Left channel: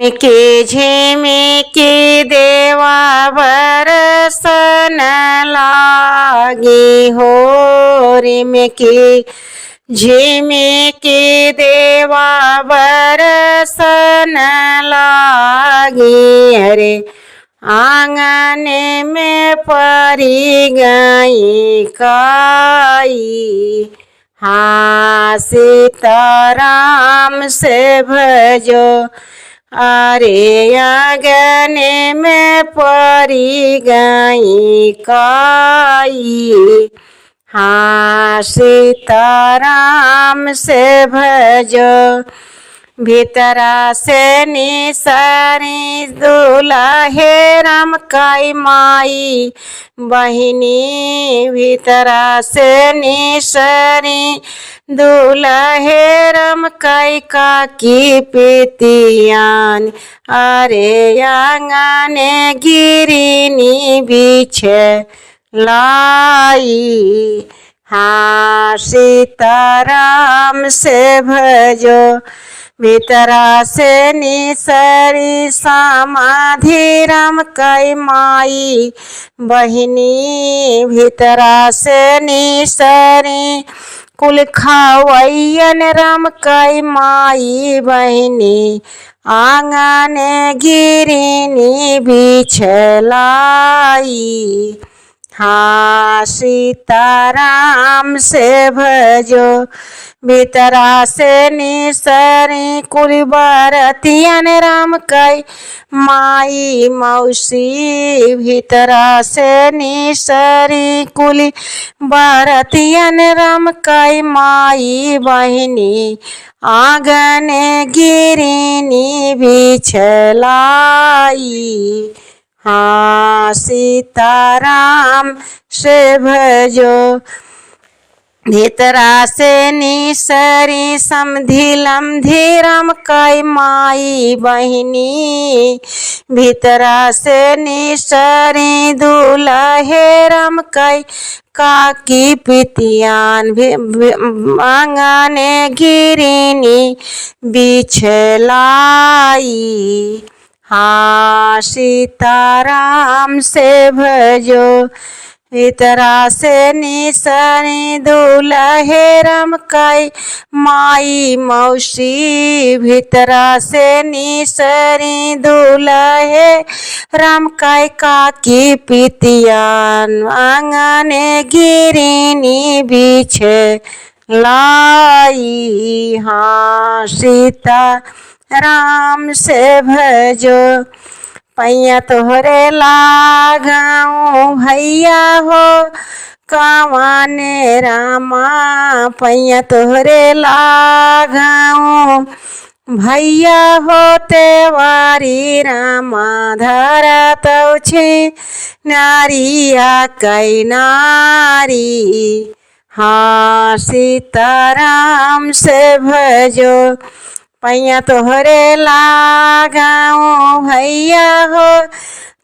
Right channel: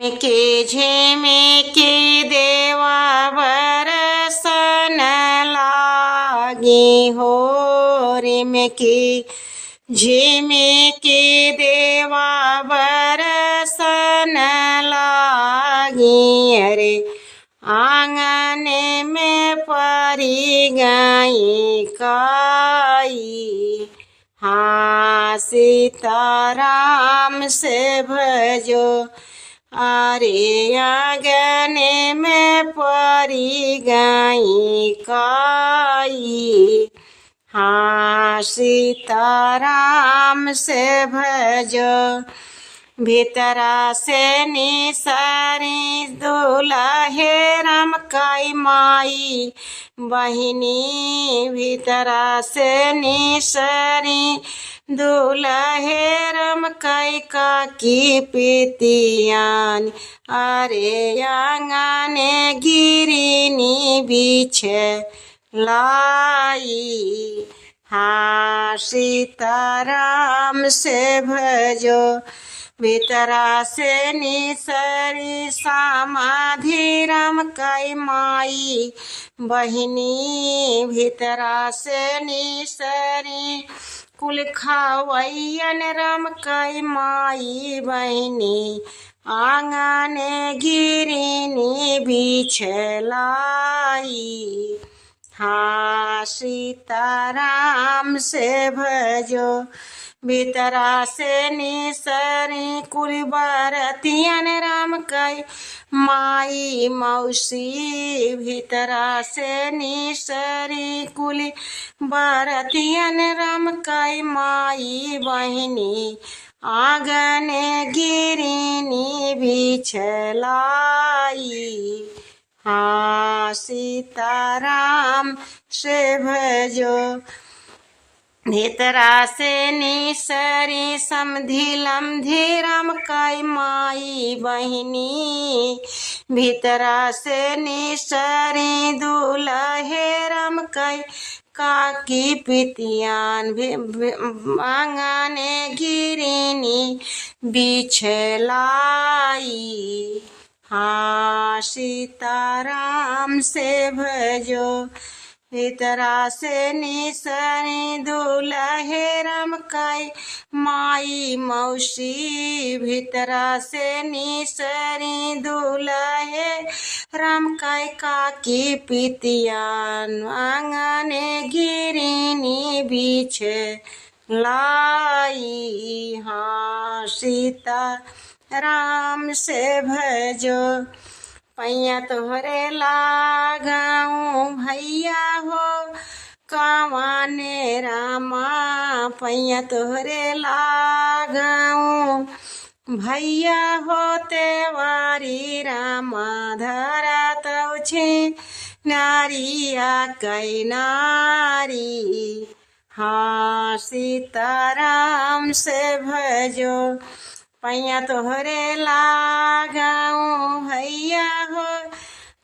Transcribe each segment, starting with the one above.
के झिमिकी देवा बरसन लागी हो रे में के झिमिकी देवा बरसन लागी। अरे आंगन में परी गई काई, हाँ सीताराम से भजो। अरे आंगन में परी गई काई, हाँ सीताराम से भजो। भीतरा से निसरी दुल्हे राम काई माई बहिनी, भीतरा से निसरी दुल्हे राम काई काकी पितियान। अरे आंगन गिरिनी बिछे लाई, हाँ सीताराम से भजो। भीतरा से निसरी समाधि राम काई माई बहिनी, भीतरा से निसरी कुल खावैयन राम काई माई बहिनी। आंगन गिरिनी बिछलाई, हाँ सीताराम से भजो। भीतरा से निसरी कुल बरतियन राम काई माई मौसी, भीतरा से निसरी कुल बरतियन राम काई माई बहिनी। आंगन गिरिनी बिछलाई, हाँ सीताराम से भजो। भीतरा से निसरी समधि लमधि राम काई माई बहिनी, भीतरा से निसरी दुल्हे राम काई काकी पितियान। आंगन गिरिनी बिछलाई, हाँ सीताराम से भजो। भीतरा से निसरी दुल्हे राम काई माई मौसी, भीतरा से निसरी दुल्हे राम काई काकी पितियान। आंगन गिरिनी बिछलाई, हाँ सीताराम से भजो। पैया तोहरे लागऊ भैया हो कवाने रामा, पैया तोहरे लागऊ भैया हो तेवारी रामा। धरतौ छी नारिया कै नारी, हाँ सीताराम से भजो। पैया तोहरे लागऊ भैया हो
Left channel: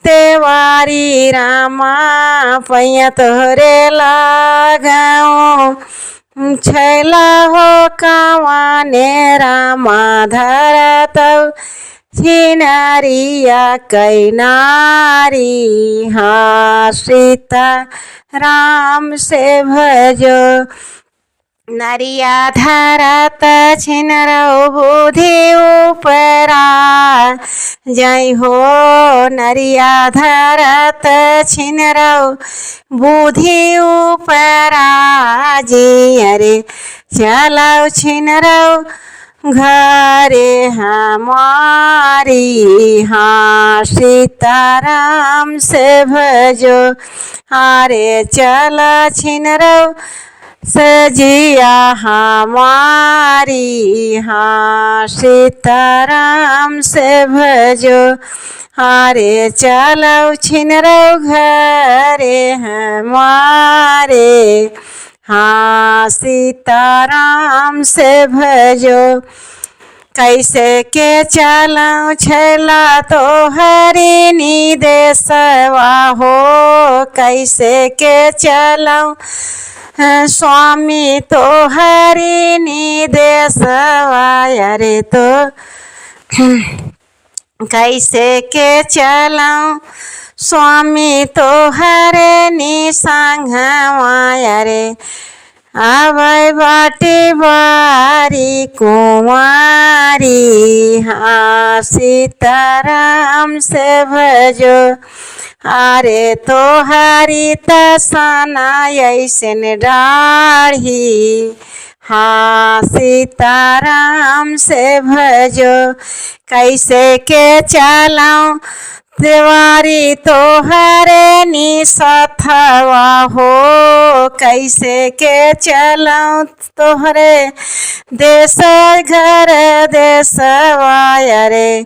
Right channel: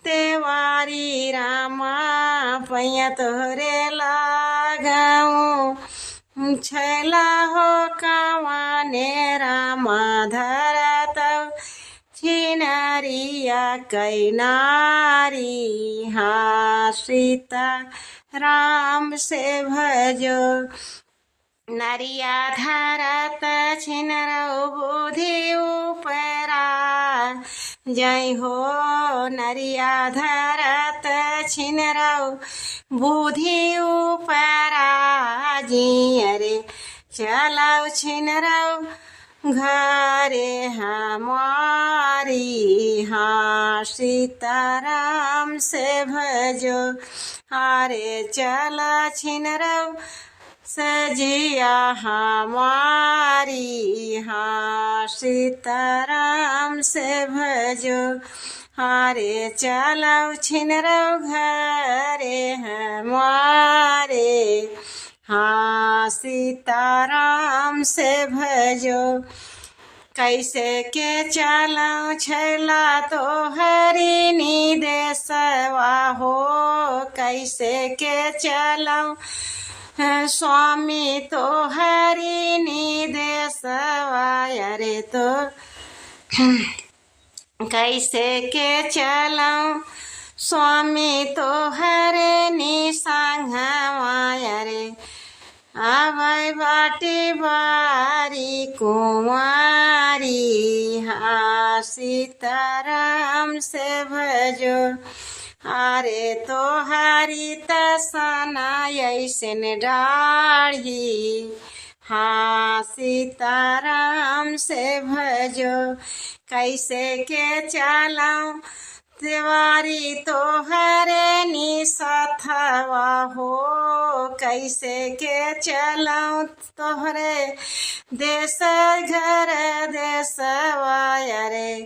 तेवारी रामा, पैया तोहरे लागऊ छैला हो कवाने रामा। धरतौ छी नारिया कै नारी, हाँ सीताराम से भजो। नरिया धरत छिनरौ बुद्धि उपरा, जय हो नरिया धरत छिनरौ बुद्धि उपरा जी। अरे चलौ छिनरौ घरे हमारी, हाँ सीताराम से भजो। अरे चल छिनरौ सजिया हमारी, हाँ सीताराम से भजो। अरे चलौ छिनरौ घरे हमारे, हाँ सीताराम से भजो। कैसे के चलऊँ छैला तो हरि निदेशवा हो, कैसे के चलऊँ स्वामी तो हरि निदेशवा। अरे तो कैसे के चलऊँ स्वामी तोहरे निसंगवा रे आबै बाटी बारी कुंवारी। हाँ सीताराम से भजो अरे तोहारी तसना ऐसन डाढ़ी। हाँ सीताराम से भजो कैसे के चलऊँ देवारी तोहरे निसथवा हो कैसे के चलऊँ तोहरे देश घर देशवा रे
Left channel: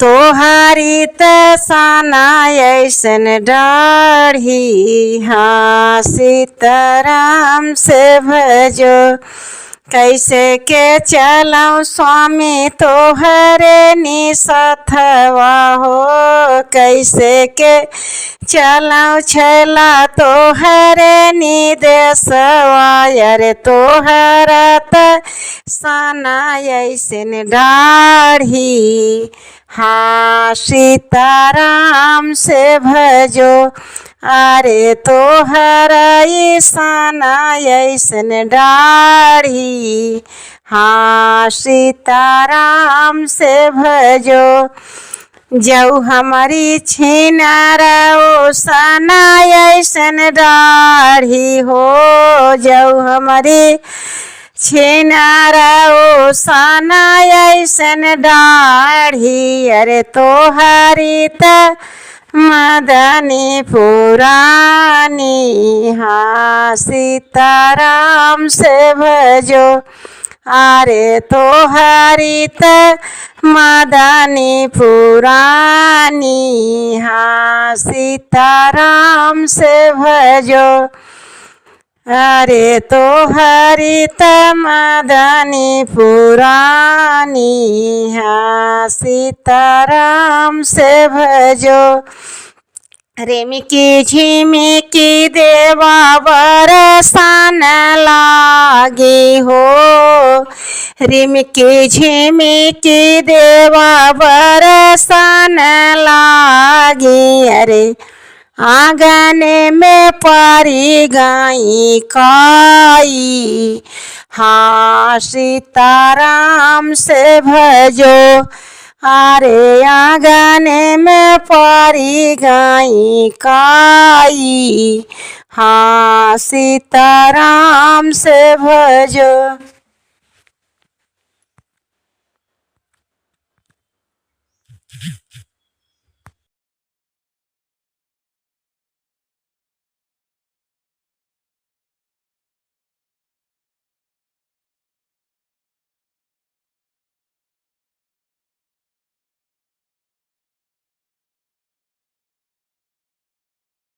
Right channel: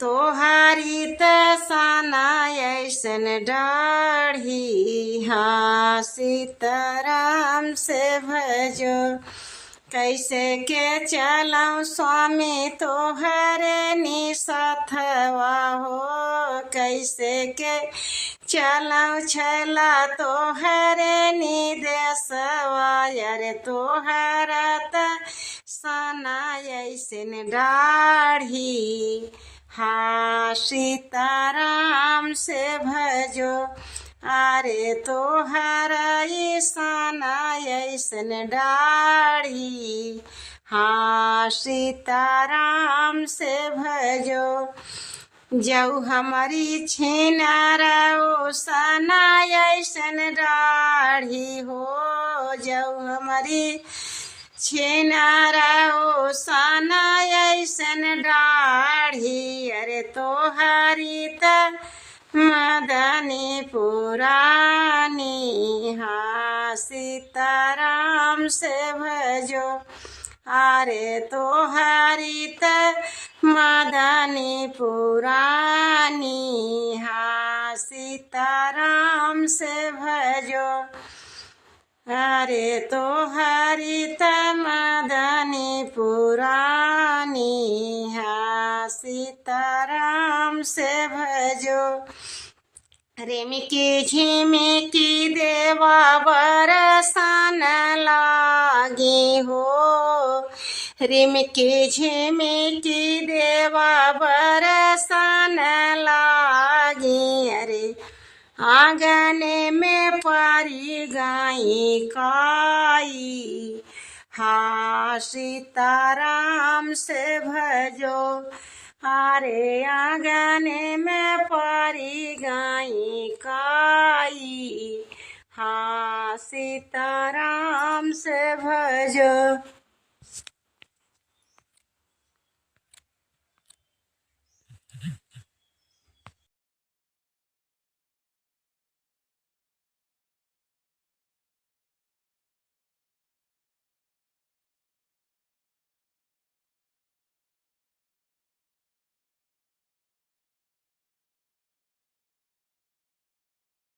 तोहारी तसना ऐसन डाढ़ी। हाँ सीताराम से भजो कैसे के चलऊँ स्वामी तोहरे निसथवा हो कैसे के चलऊँ छैला तोहरे निदेशवा रे तोहरा तसना ऐसन डाढ़ी। हाँ सीताराम से भजो अरे तोहरा ईसना ऐसन डाढ़ी। हाँ सीताराम से भजो जऊ हमारी छिनारा सना ऐसन डाढ़ी हो जऊ हमारी छिनारा सना ऐसन डाढ़ी। अरे तोहारी त मदनी पुरानी। हाँ सीताराम से भजो अरे तोहारी त मदनी पुरानी। हाँ सीताराम से भजो अरे तोहारी त मदनी पुरानी। हाँ सीताराम से भजो रेमिकी झिमिकी देवा बरसान लागे हो रिमकी झिमिकी देवा बरसान लागे। अरे आंगन में पारी गाई काई। हाँ सीताराम से भजो अरे आंगन में पारी गाई काई। हाँ सीताराम से भजो।